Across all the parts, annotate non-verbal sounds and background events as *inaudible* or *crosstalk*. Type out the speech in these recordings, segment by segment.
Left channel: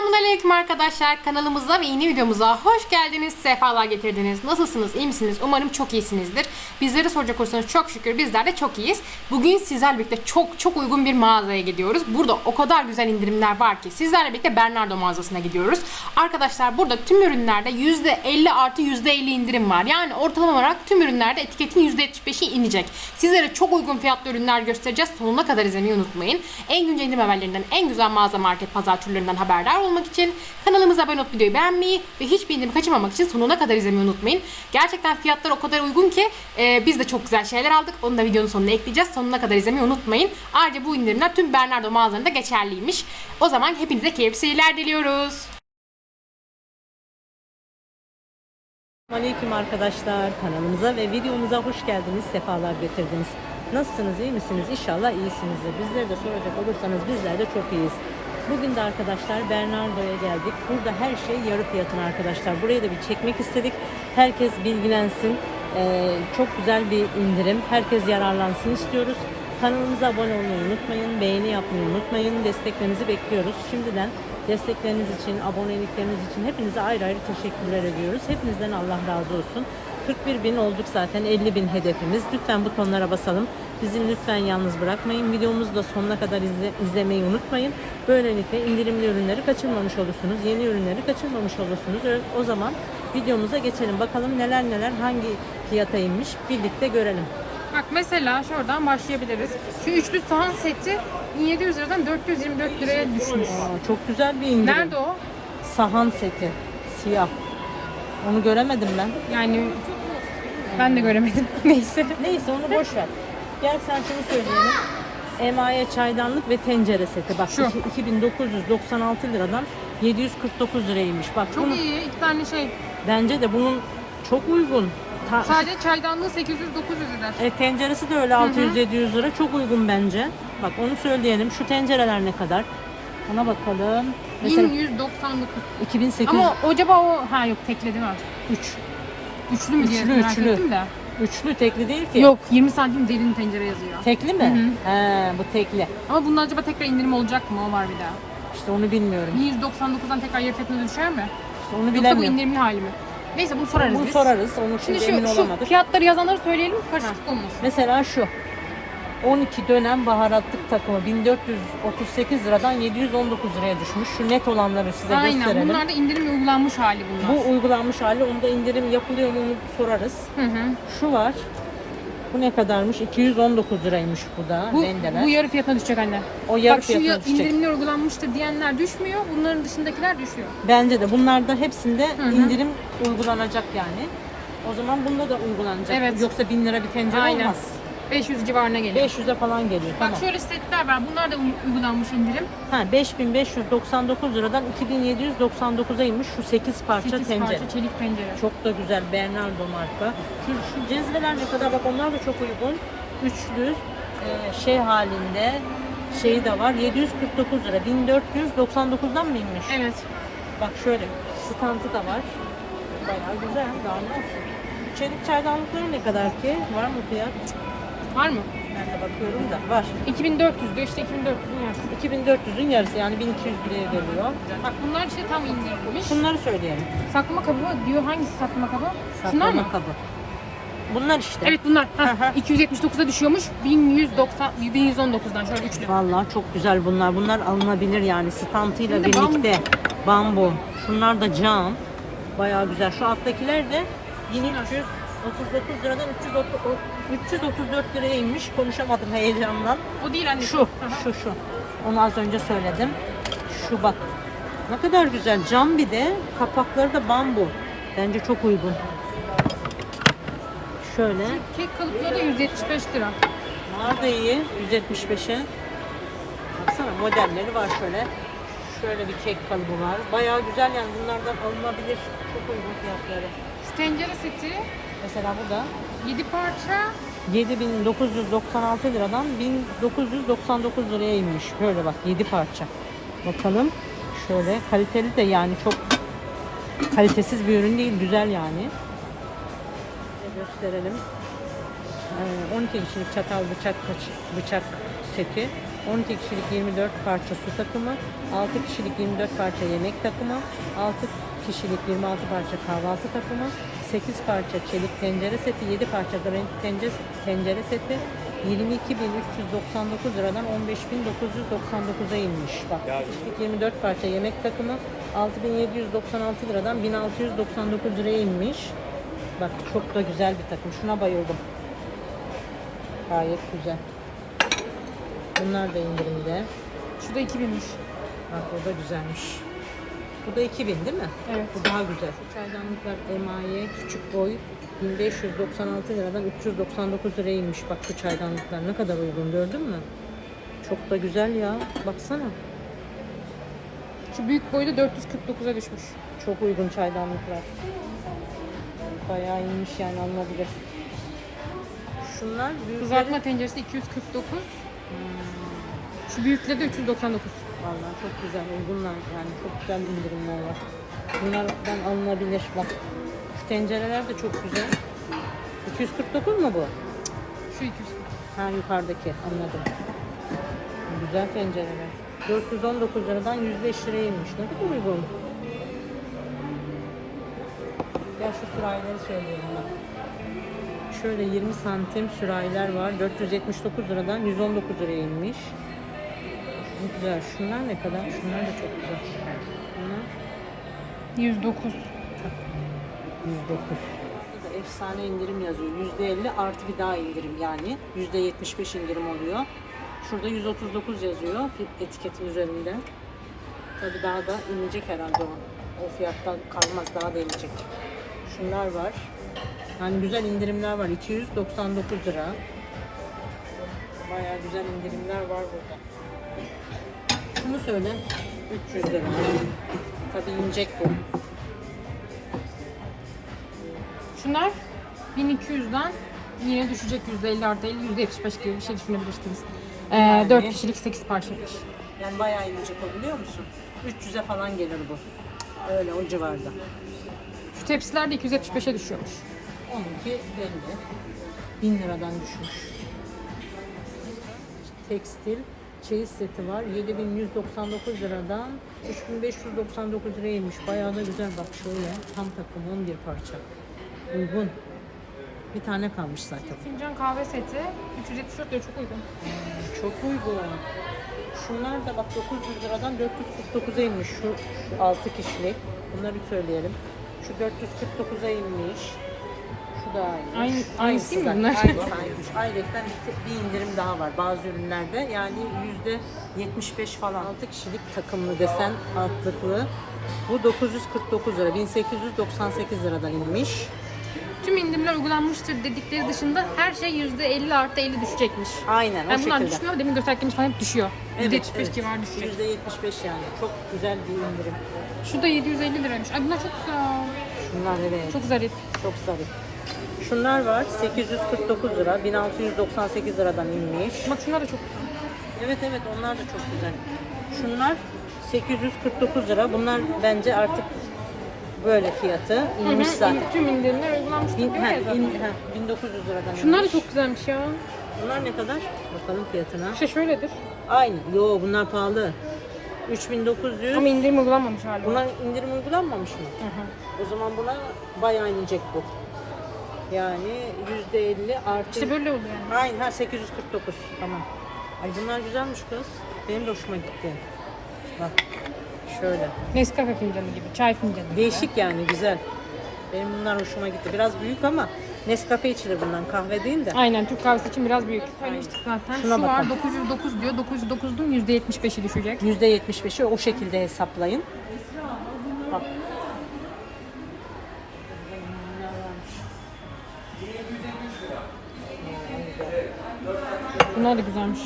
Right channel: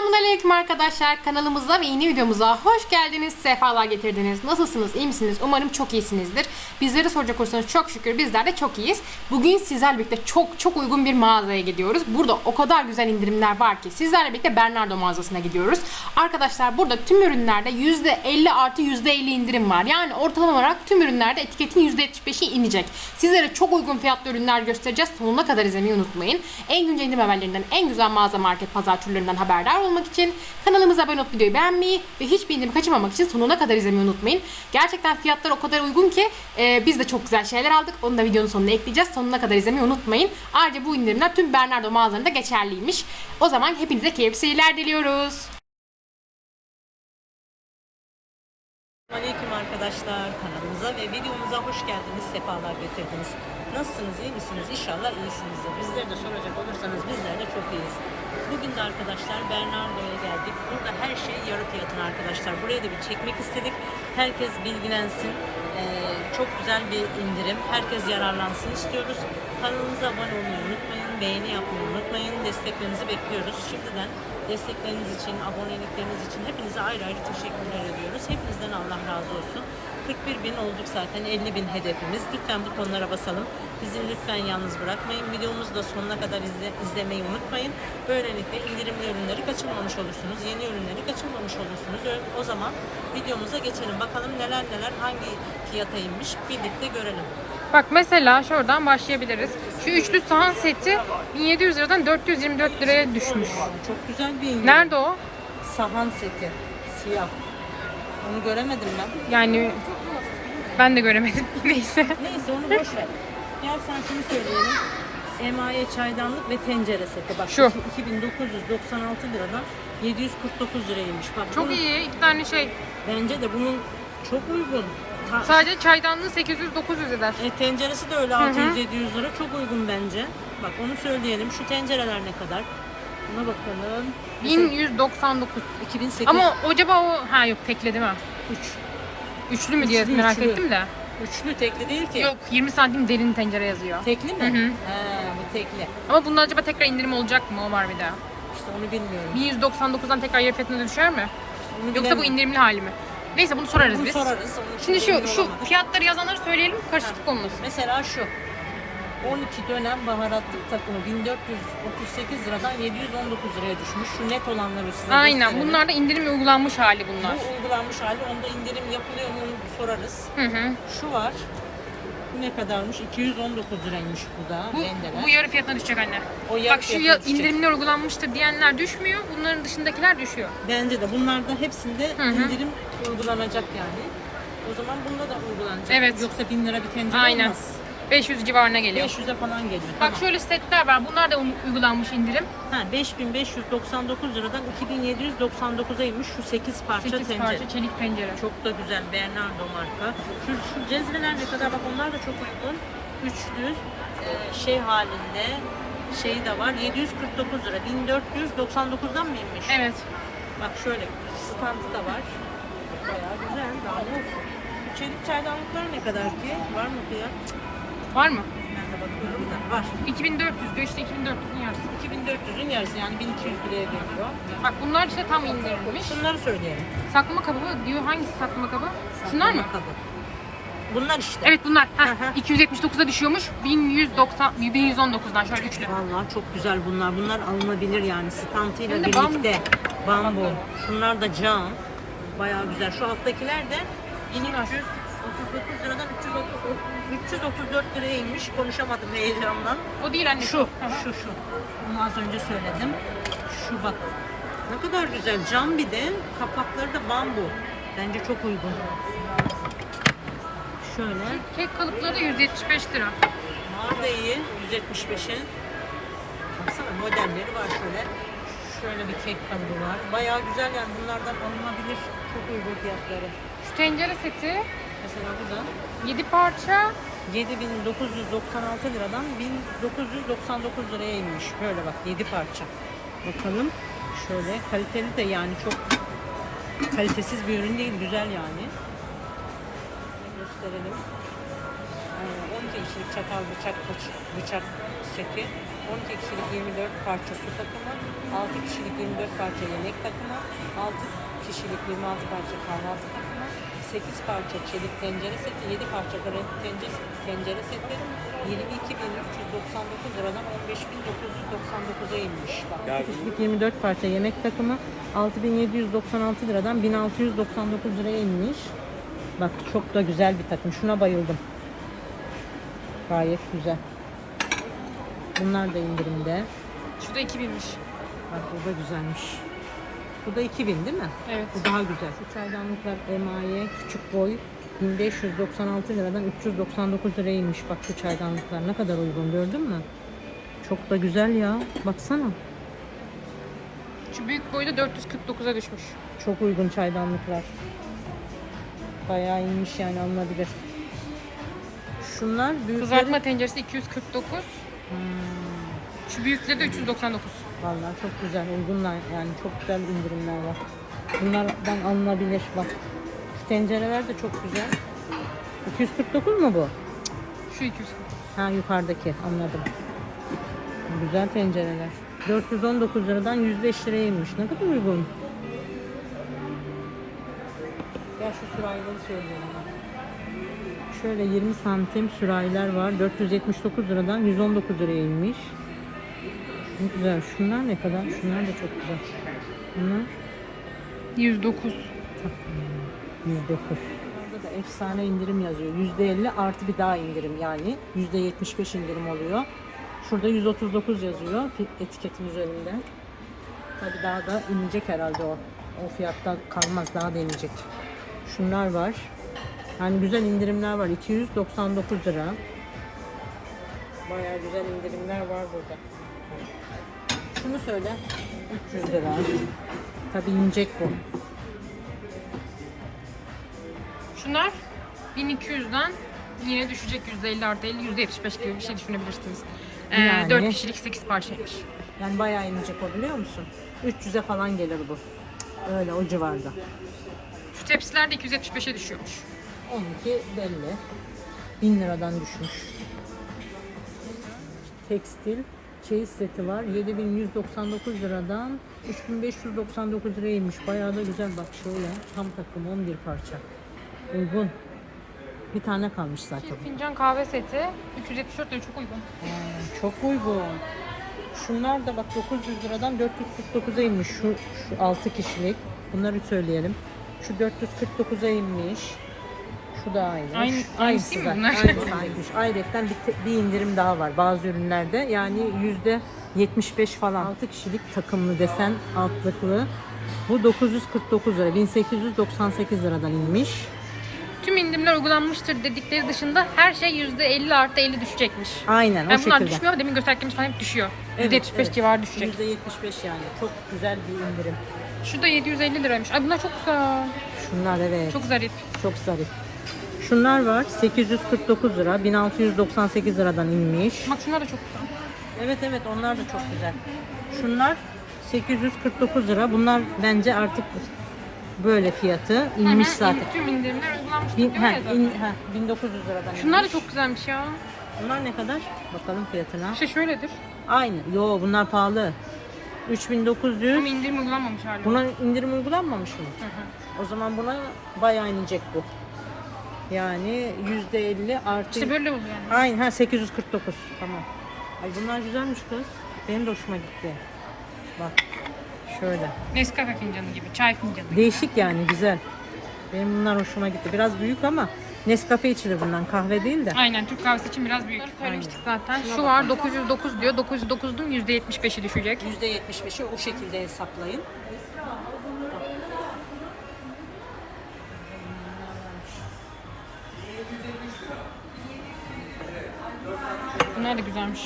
Selamünaleyküm arkadaşlar. Kanalımıza ve yeni videomuza hoş geldiniz. Sefalar getirdiniz. Nasılsınız? iyi misiniz? Umarım çok iyisinizdir. Bizleri soracak olursanız çok şükür bizler de çok iyiyiz. Bugün sizlerle birlikte çok çok uygun bir mağazaya gidiyoruz. Burada o kadar güzel indirimler var ki sizlerle birlikte Bernardo mağazasına gidiyoruz. Arkadaşlar burada tüm ürünlerde %50 artı %50 indirim var. Yani ortalama olarak tüm ürünlerde etiketin %75'i inecek. Sizlere çok uygun fiyatlı ürünler göstereceğiz. Sonuna kadar izlemeyi unutmayın. En güncel indirim haberlerinden, en güzel mağaza market pazar türlerinden haberdar olmak için kanalımıza abone olup videoyu beğenmeyi ve hiçbir indirimi kaçırmamak için sonuna kadar izlemeyi unutmayın. Gerçekten fiyatlar o kadar uygun ki e, biz de çok güzel şeyler aldık. Onu da videonun sonuna ekleyeceğiz. Sonuna kadar izlemeyi unutmayın. Ayrıca bu indirimler tüm Bernardo mağazalarında geçerliymiş. O zaman hepinize keyifli seyirler diliyoruz. Arkadaşlar kanalımıza ve videomuza hoş geldiniz, sefalar getirdiniz. Nasılsınız, iyi misiniz? İnşallah iyisinizdir. Bizleri de soracak olursanız bizler de çok iyiyiz. Bugün de arkadaşlar Bernardo'ya geldik. Burada her şey yarı fiyatına arkadaşlar. Buraya da bir çekmek istedik. Herkes bilgilensin. Ee, çok güzel bir indirim. Herkes yararlansın istiyoruz. Kanalımıza abone olmayı unutmayın, beğeni yapmayı unutmayın. Desteklerinizi bekliyoruz. Şimdiden destekleriniz için, abonelikleriniz için hepinize ayrı ayrı teşekkürler ediyoruz. Hepinizden Allah razı olsun. 41 bin olduk zaten 50 bin hedefimiz. Lütfen bu konulara basalım. Bizi lütfen yalnız bırakmayın. Videomuzu da sonuna kadar izle, izlemeyi unutmayın. Böylelikle indirimli ürünleri kaçırmamış olursunuz. Yeni ürünleri kaçırmamış olursunuz. O zaman videomuza geçelim. Bakalım neler neler hangi fiyata inmiş birlikte görelim. Bak mesela şuradan başlayabiliriz. Şu üçlü sahan seti 1700 liradan 424 liraya düşmüş. Çok güzel bir indirim. Nerede o? Sahan seti. Siyah. Onu göremedim ben. Yani ben de göremedim. *laughs* Neyse. Neyse onu boş ver. Gel sen şunu söyleyelim. Emaye çaydanlık ve tencere seti. Bak Şu. 2996 liradan 749 liraymış. Bak Çok iyi. İki tane şey. Bence de bunun çok uygun. Sadece çaydanlığı 800-900 eder. E, tenceresi de öyle 600-700 lira. Çok uygun bence. Bak onu söyleyelim. Şu tencereler ne kadar? Ona bakalım. Mesela 1199. 2008 Ama acaba o ha yok tekli değil mi? 3. Üçlü mü diye Üçlü, merak üçlü. ettim de. Üçlü tekli değil ki. Yok 20 santim derin tencere yazıyor. Tekli mi? Hı hı. He, bu tekli. Ama bunda acaba tekrar indirim olacak mı? O var bir daha. İşte onu bilmiyorum. 1199'dan tekrar yarı fiyatına düşer mi? Onu Yoksa bu bilemiyorum. indirimli hali mi? Neyse bunu sorarız Bunu biz. sorarız. Onu Şimdi şu emin şu olamadık. fiyatları yazanları söyleyelim karışıklık olmasın. Mesela şu 12 dönem baharatlık takımı 1438 liradan 719 liraya düşmüş. Şu net olanları size Aynen. gösterelim. Bunlar da indirim uygulanmış hali bunlar. Bu uygulanmış hali. Onda indirim yapılıyor mu sorarız. Hı hı. Şu var. Bu ne kadarmış? 219 liraymış bu da. Bu, rendeler. bu yarı fiyatına düşecek anne. O yarı Bak şu fiyatına ya, düşecek. indirimler uygulanmıştır diyenler düşmüyor. Bunların dışındakiler düşüyor. Bence de bunlarda hepsinde Hı hı. indirim uygulanacak yani. O zaman bunda da uygulanacak. Evet. Yoksa 1000 lira bir tencere Aynen. olmaz. 500 civarına geliyor. 500'e falan geliyor. Bak şöyle setler var. Bunlar da u- uygulanmış indirim. Ha 5599 liradan 2799'a inmiş şu 8 parça 8 tencere. parça çelik pencere. Çok da güzel Bernardo marka. Şu, şu cezveler ne kadar bak onlar da çok uygun. Üçlü e, şey halinde şeyi de var 749 lira 1499'dan mı inmiş? Evet. Bak şöyle standı da var. Bayağı güzel daha ne olsun. Çelik çaydanlıklar ne kadar ki? Var mı fiyat? Var mı? Yani bakıyorum da var. 2400 diyor işte 2400'ün yarısı. 2400'ün yarısı yani 1200 liraya geliyor. Bak bunlar işte tam indirilmiş. Bunları söyleyelim. Saklama kabı diyor. Hangisi saklama kabı? Şunlar mı? Saklama kabı. Bunlar işte. Evet bunlar. Hı Heh, hı. 279'a düşüyormuş. 1190 1119'dan şöyle üçlü. Vallahi çok güzel bunlar. Bunlar alınabilir yani stantıyla de bambu. birlikte. Bambu. Şunlar da cam. Bayağı güzel. Şu alttakiler de 1339 liradan 330 334 liraya inmiş. Konuşamadım heyecandan. O değil anne. Şu, şu, şu. Onu az önce söyledim. Şu bak. Ne kadar güzel. Cam bir de kapakları da bambu. Bence çok uygun. Şöyle. Kek kalıpları da 175 lira. Bunlar da iyi. 175'e. Baksana modelleri var şöyle. Şöyle bir kek kalıbı var. Bayağı güzel yani bunlardan alınabilir. Çok uygun fiyatları. Şu tencere seti Mesela bu da 7 parça 7996 liradan 1999 liraya inmiş. Böyle bak 7 parça. Bakalım. Şöyle kaliteli de yani çok kalitesiz bir ürün değil. Güzel yani. Gösterelim. Ee, 12 kişilik çatal bıçak bıç- bıçak seti 12 kişilik 24 parça su takımı, 6 kişilik 24 parça yemek takımı, 6 kişilik 26 parça kahvaltı takımı, 8 parça çelik tencere seti, 7 parça granit tencere, tencere seti 22.399 liradan 15.999'a inmiş. Bak 2 kişilik 24 parça yemek takımı 6.796 liradan 1699 liraya inmiş. Bak çok da güzel bir takım. Şuna bayıldım. Gayet güzel. Bunlar da indirimde. Şu da 2000'miş. Bak o da güzelmiş. Bu da 2000 değil mi? Evet. Bu daha güzel. Şu çaydanlıklar emaye küçük boy 1596 liradan 399 liraya inmiş. Bak bu çaydanlıklar ne kadar uygun gördün mü? Çok da güzel ya. Baksana. Şu büyük boyu da 449'a düşmüş. Çok uygun çaydanlıklar. Bayağı iyiymiş yani alınabilir. Şunlar büyükler. Kızartma tenceresi 249. Şu büyükleri de 399. Vallahi çok güzel uygunlar yani çok güzel indirimliyorlar. Bunlardan alınabilir bak. Şu tencereler de çok güzel. 249 mu bu? Şu 249. Ha yukarıdaki anladım. Güzel tencereler. 419 liradan 105 liraya inmiş. Ne kadar uygun. Gel şu sürahileri söylüyorum bak. Şöyle 20 santim sürahiler var. 479 liradan 119 liraya inmiş. Güzel. Şunlar ne kadar? Şunlar da çok güzel. Bunlar 109. 109. Burada efsane indirim yazıyor. %50 artı bir daha indirim yani. %75 indirim oluyor. Şurada 139 yazıyor etiketin üzerinde. Tabi daha da inecek herhalde o. O fiyatta kalmaz daha da inecek. Şunlar var. Yani güzel indirimler var. 299 lira. Bayağı güzel indirimler var burada. Şunu söyle. 300 lira. Tabi inecek bu. Şunlar 1200'den yine düşecek %50 artı 50 %75 gibi bir şey düşünebilirsiniz. Ee, Yani- 4 kişilik 8 parçaymış. Yani bayağı inecek o biliyor musun? 300'e falan gelir bu. Öyle o civarda. Şu tepsiler de 275'e düşüyormuş. Onunki belli. 1000 liradan düşmüş. Tekstil çeyiz seti var. 7199 liradan 3599 liraya inmiş. Bayağı da güzel bak şöyle. Tam takım 11 parça. Uygun. Bir tane kalmış zaten. Fincan kahve seti 374 lira çok uygun. Çok uygun. Şunlar da bak 900 liradan 449'a inmiş. Şu, şu 6 kişilik. Bunları söyleyelim. Şu 449'a inmiş. Şu da aynı. Aynı- aynısı değil mi bunlar? Aynısı aynıymış. Ayrıca bir, bir indirim daha var bazı ürünlerde. Yani yüzde 75 falan. 6 kişilik takımlı desen altlıklı. Bu 949 lira. 1898 liradan inmiş. Tüm indirimler uygulanmıştır dedikleri dışında her şey %50 artı 50 düşecekmiş. Aynen o Yani bunlar şekilde. düşmüyor. Demin gösterdiklerimiz falan hep düşüyor. Evet, %75 evet. civarı düşecek. %75 yani. Çok güzel bir indirim. Şu da 750 liraymış. Ay bunlar çok güzel. Şunlar evet. Çok zarif. Çok zarif. Şunlar var 849 lira 1698 liradan inmiş. Bak şunlar da çok güzel. Evet evet onlar da çok güzel. Şunlar 849 lira. Bunlar bence artık böyle fiyatı inmiş Hı hı, zaten. Tüm indirimler uygulanmıştır Bin, diyor ha, ya zaten. in- ha, 1900 liradan. Şunlar da inmiş. çok güzelmiş ya. Bunlar ne kadar? Bakalım fiyatına. İşte şöyledir. Aynı. Yo bunlar pahalı. 3900. Ama indirim uygulanmamış hala. Bunlar indirim uygulanmamış mı? Hı hı. O zaman buna bayağı inecek bu. Yani %50 artı İşte böyle oluyor yani. Aynen ha 849 tamam. Ay bunlar güzelmiş kız. Benim de hoşuma gitti. Bak şöyle. Nescafe fincanı gibi, çay fincanı gibi. Değişik yani güzel. Benim bunlar hoşuma gitti. Biraz büyük ama Nescafe içilir bundan kahve değil de. Aynen Türk kahvesi için biraz büyük. Söylemiştik zaten. Şuna Şu var bakalım. 909 diyor. 909'un %75'i düşecek. %75'i o şekilde hesaplayın. Bak. Bunlar da güzelmiş.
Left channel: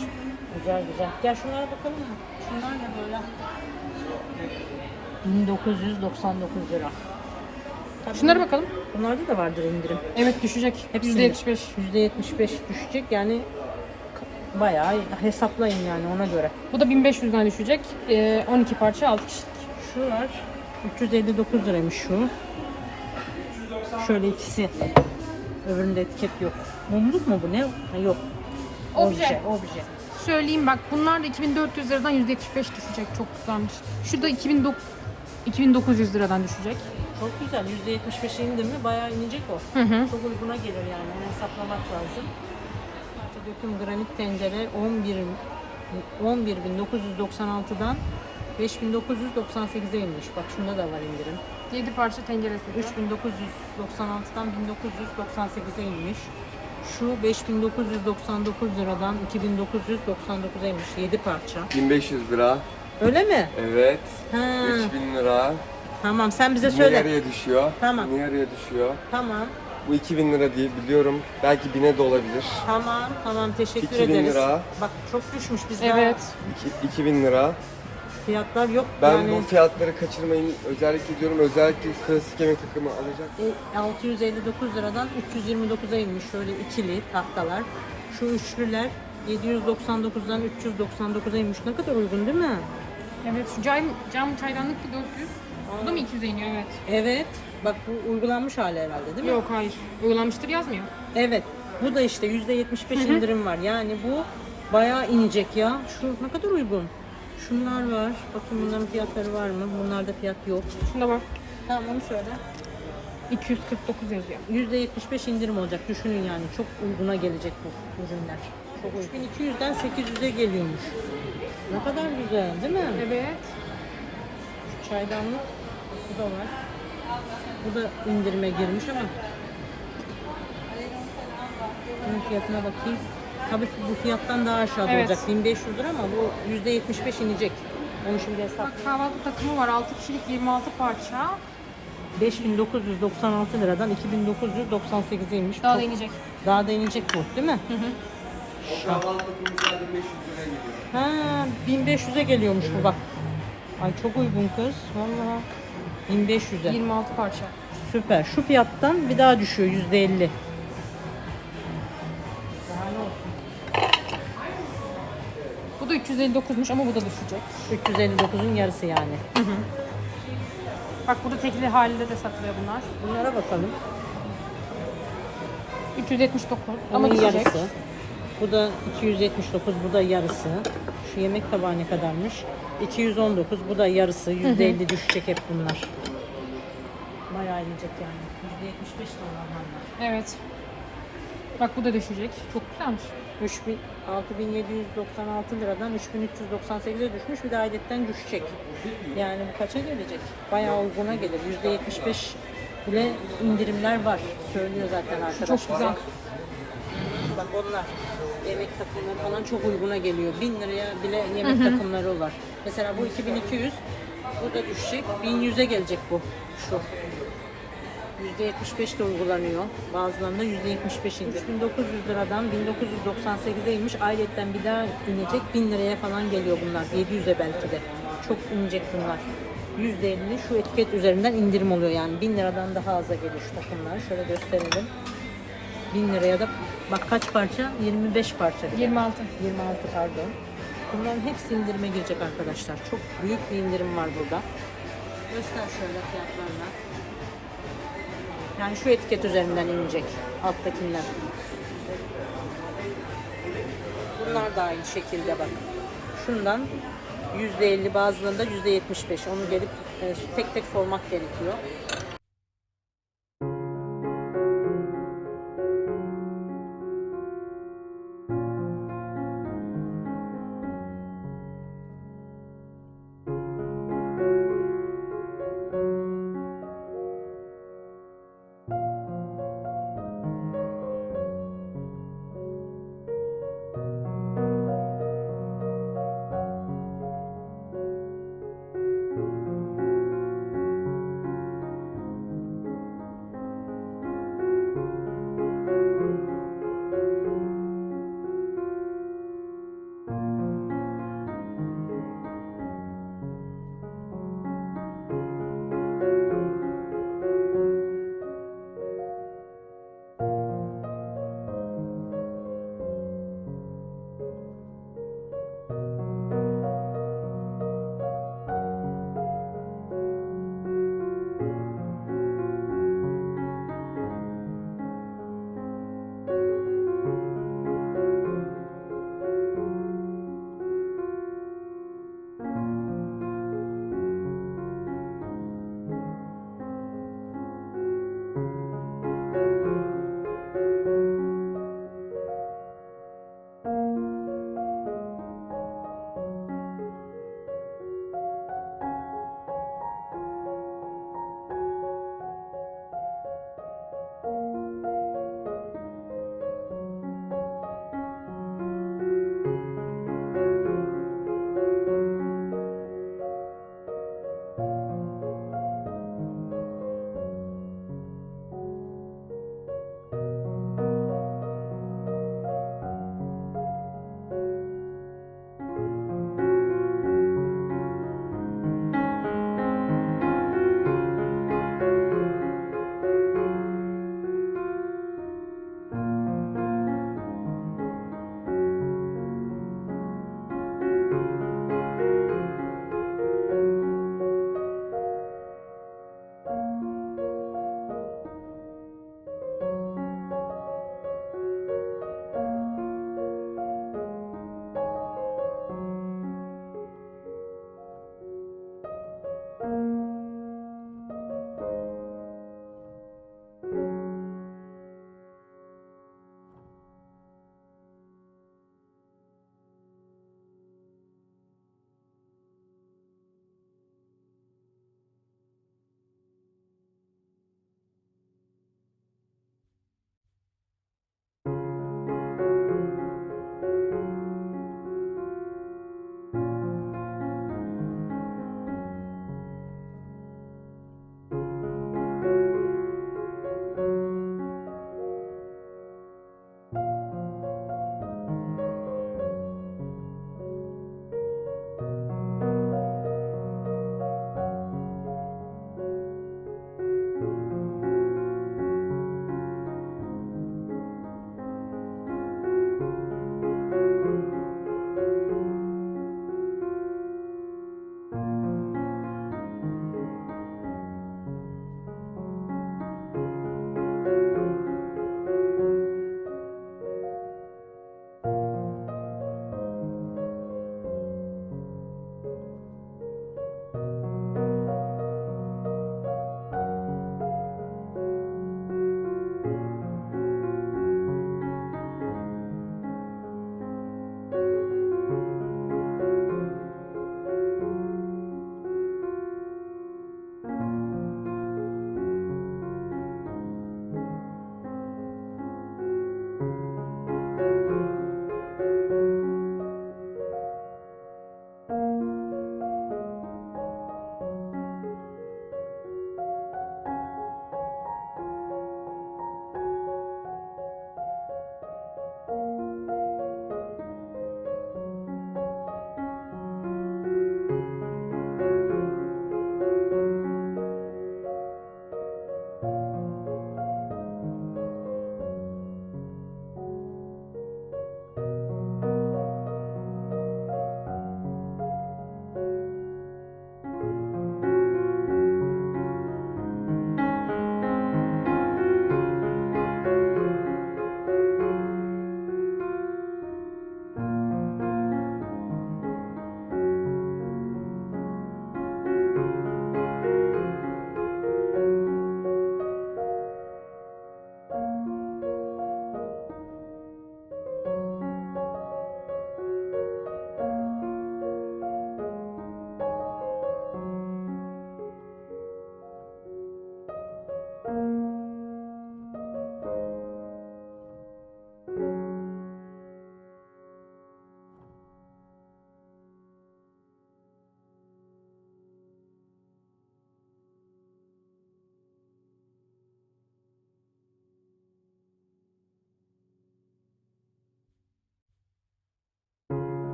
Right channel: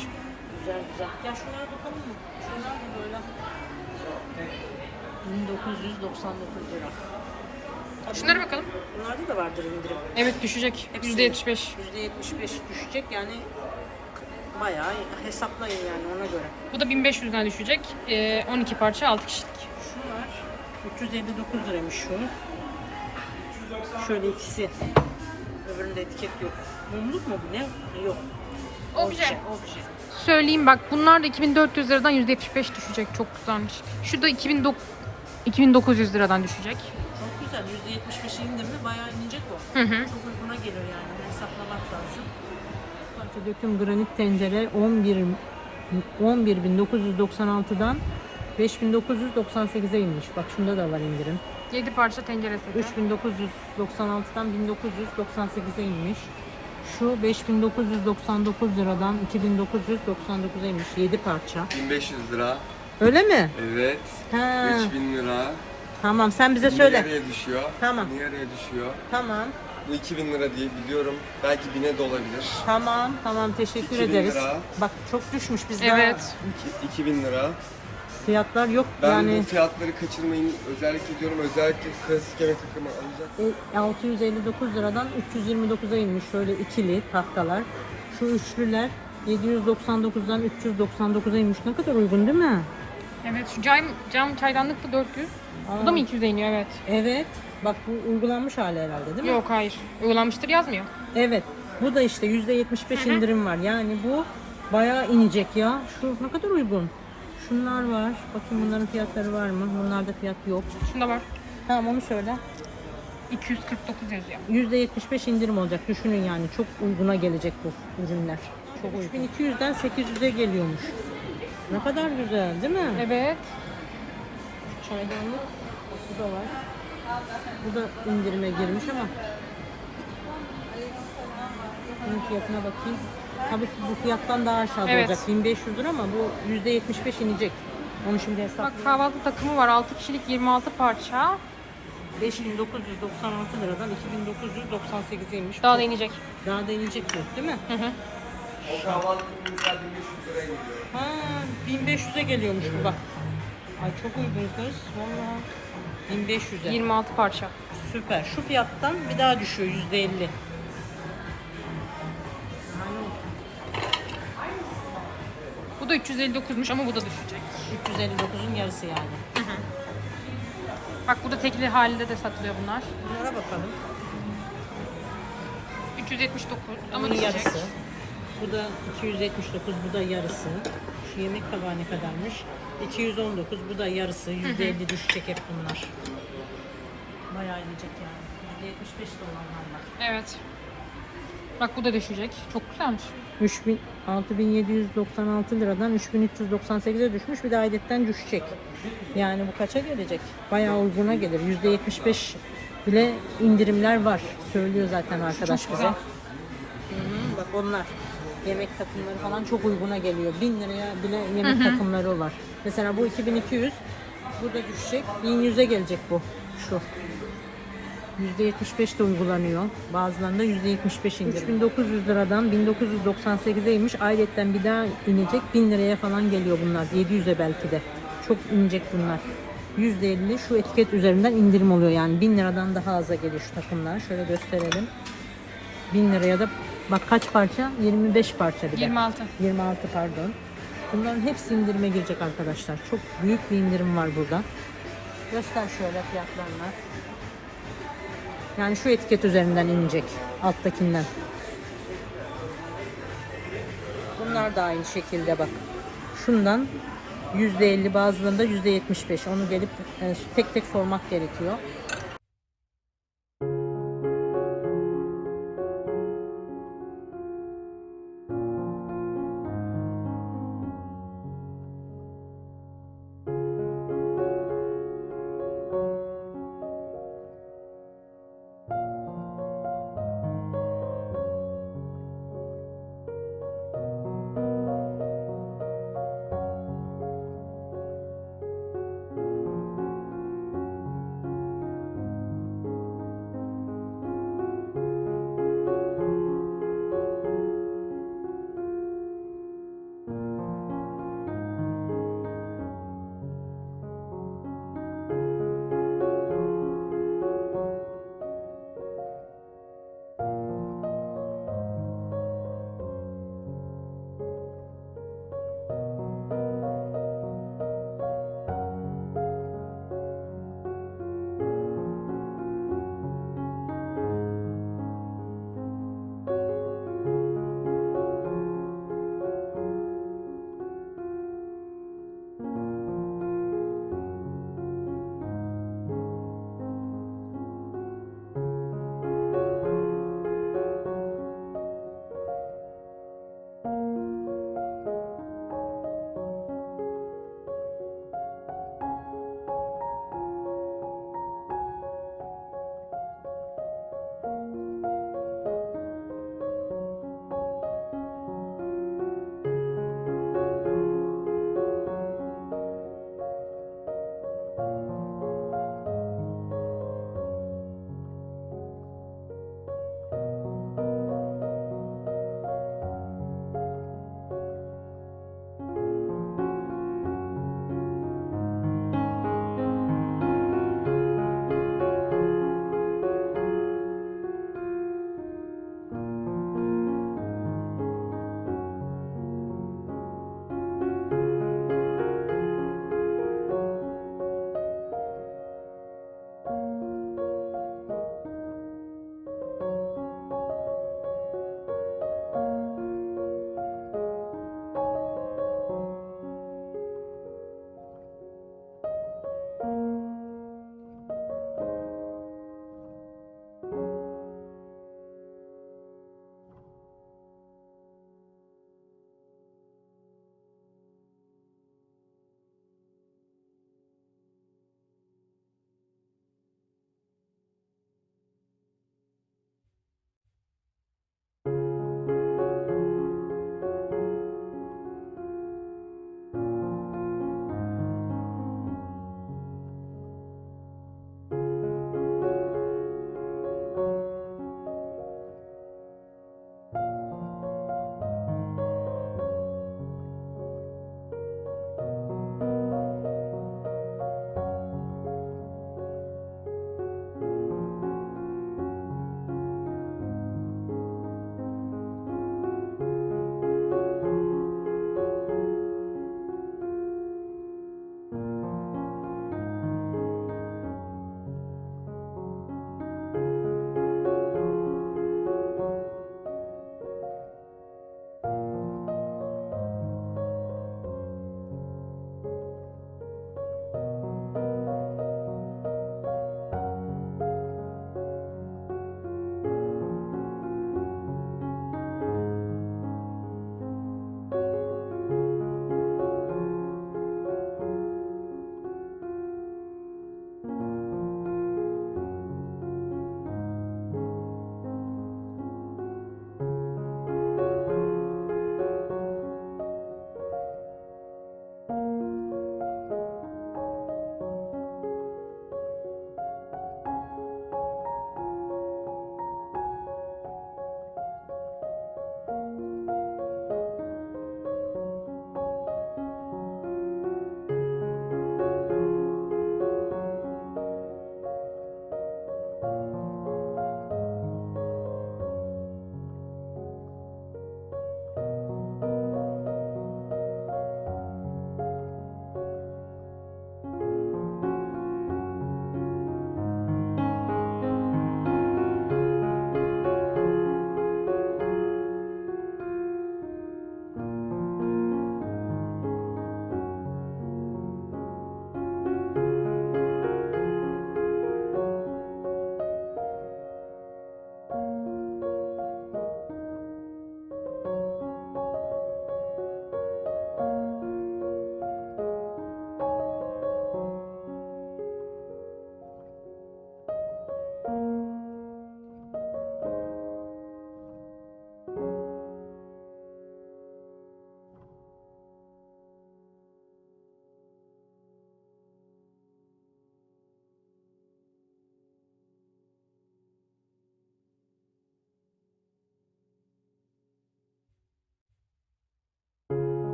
Güzel güzel. Gel şunlara bakalım mı? Şunlar da böyle. 1999 lira. Şunlara bakalım. Bunlarda da vardır indirim. Evet düşecek. Hepsi %75. %75 düşecek yani bayağı hesaplayın yani ona göre. Bu da 1500'den düşecek. Ee, 12 parça 6 kişilik. Şu var 359 liraymış şu. Şöyle ikisi. Öbüründe etiket yok. Mumluk mu bu ne? Ha, yok. Obje. Obje. söyleyeyim bak bunlar da 2400 liradan %75 düşecek. Çok güzelmiş. Şu da 2009 2900 liradan düşecek. Çok güzel. %75 indirimi bayağı inecek o. Hı hı. Çok uyguna gelir yani. Bunu hesaplamak lazım. İşte döküm granit tencere 11 11.996'dan 5.998'e inmiş. Bak şunda da var indirim. 7 parça tencere seti. 3.996'dan 1998'e inmiş. Şu 5999 liradan 2999'a inmiş. 7 parça. 1500 lira. Öyle mi? Evet. Ha. 3000 lira. Tamam sen bize söyle. Nereye düşüyor? Tamam. Nereye düşüyor? Tamam. Bu 2000 lira diye biliyorum. Belki 1000'e de olabilir. Tamam. Tamam teşekkür 2000 ederiz. lira. Bak çok düşmüş bizden. Evet. İki- 2000 lira. Fiyatlar yok. Ben yani bu fiyatları kaçırmayın özellikle diyorum. Özellikle klasik yemek takımı alacağım. e, 659 liradan 329'a inmiş şöyle ikili tahtalar. Şu üçlüler 799'dan 399'a inmiş. Ne kadar uygun değil mi? Evet şu cam, cam çaydanlık da 400. Bu da mı 200'e iniyor? Evet. Evet. Bak bu uygulanmış hali herhalde değil mi? Yok hayır. Uygulanmıştır yazmıyor. Evet. Bu da işte %75 indirim var. Yani bu bayağı inecek ya. Şu ne kadar uygun. Şunlar var. Bakın bunların fiyatları var mı? Bunlarda fiyat yok. Şunda var. Tamam onu söyle. 249 yazıyor. %75 indirim olacak. Düşünün yani çok uyguna gelecek bu ürünler. Çok uygun. 200'den 800'e geliyormuş. Ne kadar güzel değil mi? Evet. Şu Çaydanlık. Bu da var. Bu da indirime girmiş ama. Bunun fiyatına bakayım. Tabii bu fiyattan daha aşağıda Evet. olacak. 1500 lira ama bu %75 inecek. Bunu şimdi hesap. Bak kahvaltı takımı var. 6 kişilik 26 parça. 5996 liradan 2998'e inmiş. Daha da inecek. Daha da inecek bu değil mi? Hı hı. O kahvaltı 500 liraya gidiyor. Ha, 1500'e geliyormuş bu bak. Ay çok uygun kız. Ha, 1500'e. 26 parça. Süper. Şu fiyattan bir daha düşüyor %50. Da 359'muş ama bu da düşecek. 359'un yarısı yani. Bak burada tekli halinde de satılıyor bunlar. Bunlara bakalım. 379 ama Bunun düşecek. yarısı. Bu da 279, bu da yarısı. Şu yemek tabağı ne kadarmış? 219, bu da yarısı. %50 düşecek hep bunlar. Bayağı inecek yani. %75 de olanlar var. Evet. Bak bu da düşecek. Çok güzelmiş. 3000 6796 liradan 3398'e düşmüş bir de ailetten düşecek. Yani bu kaça gelecek? Bayağı uyguna gelir. %75 bile indirimler var. Söylüyor zaten arkadaş. Çok güzel. Bak onlar yemek takımları falan çok uyguna geliyor. 1000 liraya bile yemek takımları var. Mesela bu 2200 bu da düşecek. 1100'e gelecek bu. Şu. %75 de uygulanıyor. Bazılarında %75 indirim. 3900 liradan 1998'e inmiş. Ayrıca bir daha inecek. 1000 liraya falan geliyor bunlar. 700'e belki de. Çok inecek bunlar. %50 şu etiket üzerinden indirim oluyor yani. 1000 liradan daha aza geliyor şu takımlar. Şöyle gösterelim. 1000 liraya da bak kaç parça? 25 parça. bir de. 26. 26 pardon. Bunların hepsi indirime girecek arkadaşlar. Çok büyük bir indirim var burada. Göster şöyle fiyatlarını. Yani şu etiket üzerinden inecek. Alttakinden. Bunlar da aynı şekilde bak. Şundan %50 bazılarında %75. Onu gelip e, tek tek sormak gerekiyor.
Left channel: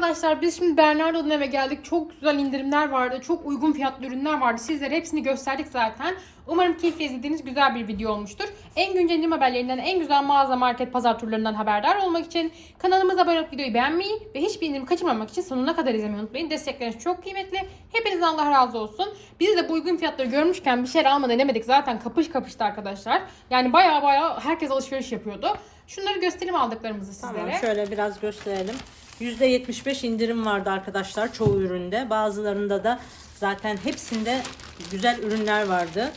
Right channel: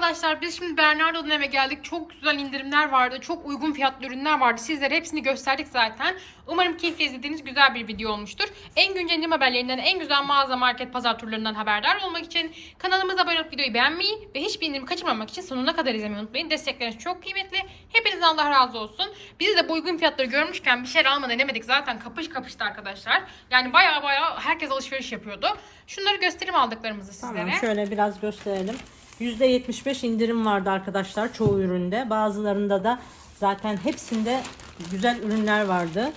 Arkadaşlar biz şimdi Bernardo'dan eve geldik. Çok güzel indirimler vardı. Çok uygun fiyatlı ürünler vardı. Sizlere hepsini gösterdik zaten. Umarım keyifle izlediğiniz güzel bir video olmuştur. En güncel indirim haberlerinden, en güzel mağaza, market, pazar turlarından haberdar olmak için kanalımıza abone olup videoyu beğenmeyi ve hiçbir indirim kaçırmamak için sonuna kadar izlemeyi unutmayın. Destekleriniz çok kıymetli. Hepinizden Allah razı olsun. Biz de bu uygun fiyatları görmüşken bir şeyler almadan denemedik. Zaten kapış kapıştı arkadaşlar. Yani baya baya herkes alışveriş yapıyordu. Şunları göstereyim aldıklarımızı sizlere. Tamam, şöyle biraz gösterelim. %75 indirim vardı arkadaşlar çoğu üründe. Bazılarında da zaten hepsinde güzel ürünler vardı.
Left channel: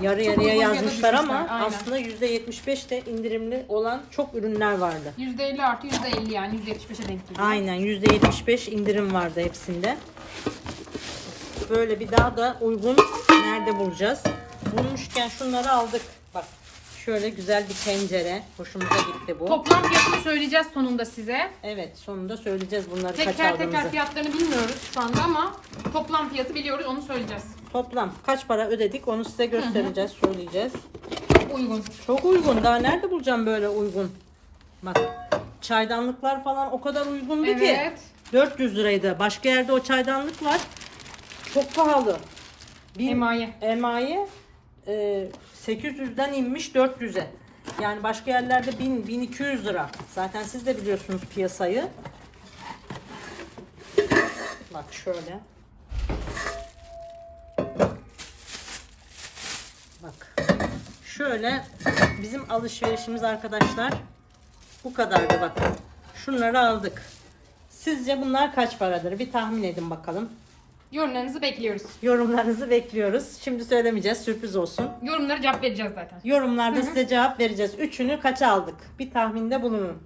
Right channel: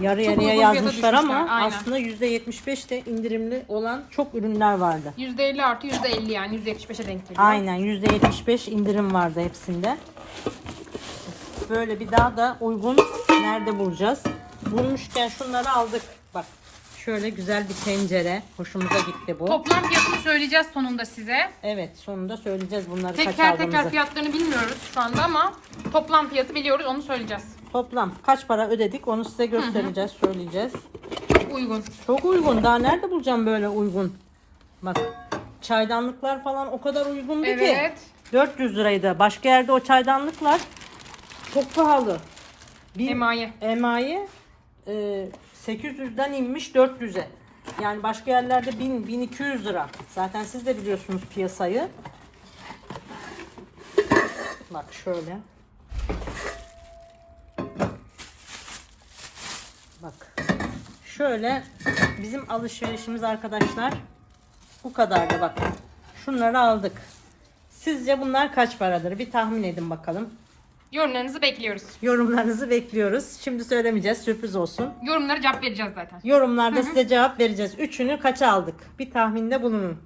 Yarı Çok yarıya uygun fiyata yazmışlar ama düşmüşler, aynen. aslında %75 de indirimli olan çok ürünler vardı. %50 artı %50 yani %75'e denk geliyor. Aynen %75 indirim vardı hepsinde. Böyle bir daha da uygun nerede bulacağız? Bulmuşken şunları aldık. Bak şöyle güzel bir tencere. Hoşumuza gitti bu. Toplam fiyatını söyleyeceğiz sonunda size. Evet sonunda söyleyeceğiz bunları kaç Teker teker aldığımızı. fiyatlarını bilmiyoruz şu anda ama toplam fiyatı biliyoruz onu söyleyeceğiz. Toplam kaç para ödedik onu size göstereceğiz, söyleyeceğiz. Çok uygun. Çok uygun. Daha nerede bulacağım böyle uygun? Bak çaydanlıklar falan o kadar uygundu ki. Evet. 400 liraydı. Başka yerde o çaydanlıklar çok pahalı. Bir Emaye. emaye e, 800'den inmiş 400'e. Yani başka yerlerde 1000 1200 lira. Zaten siz de biliyorsunuz piyasayı. Bak şöyle. Bak. Şöyle bizim alışverişimiz arkadaşlar bu kadardı bak. Şunları aldık. Sizce bunlar kaç paradır? Bir tahmin edin bakalım. Yorumlarınızı bekliyoruz. Yorumlarınızı bekliyoruz. Şimdi söylemeyeceğiz. Sürpriz olsun. Yorumlara cevap vereceğiz zaten. Yorumlarda size cevap vereceğiz. Üçünü kaça aldık? Bir tahminde bulunun.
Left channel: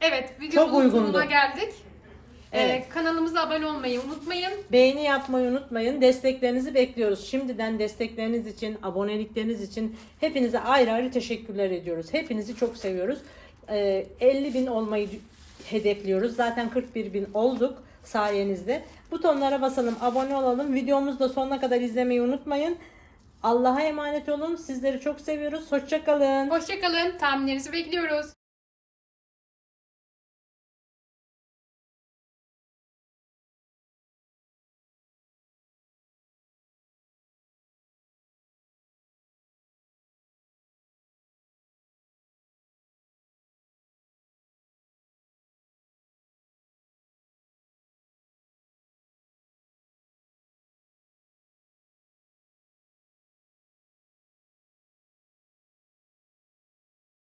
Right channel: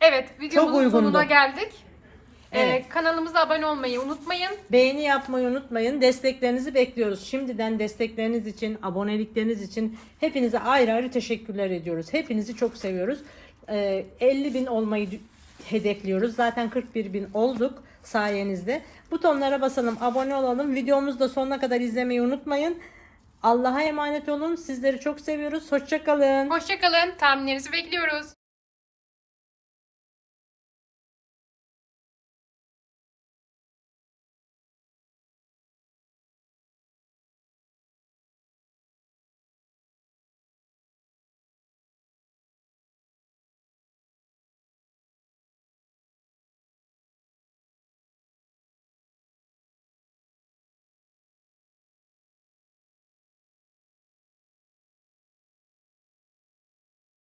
Evet videomuzun uygundu. sonuna geldik. Ee, Evet. kanalımıza abone olmayı unutmayın. Beğeni yapmayı unutmayın. Desteklerinizi bekliyoruz. Şimdiden destekleriniz için, abonelikleriniz için hepinize ayrı ayrı teşekkürler ediyoruz. Hepinizi çok seviyoruz. Ee, 50 bin olmayı dü- hedefliyoruz. Zaten 41 bin olduk sayenizde. Butonlara basalım, abone olalım. Videomuzu da sonuna kadar izlemeyi unutmayın. Allah'a emanet olun. Sizleri çok seviyoruz. Hoşçakalın. Hoşçakalın. Tahminlerinizi bekliyoruz.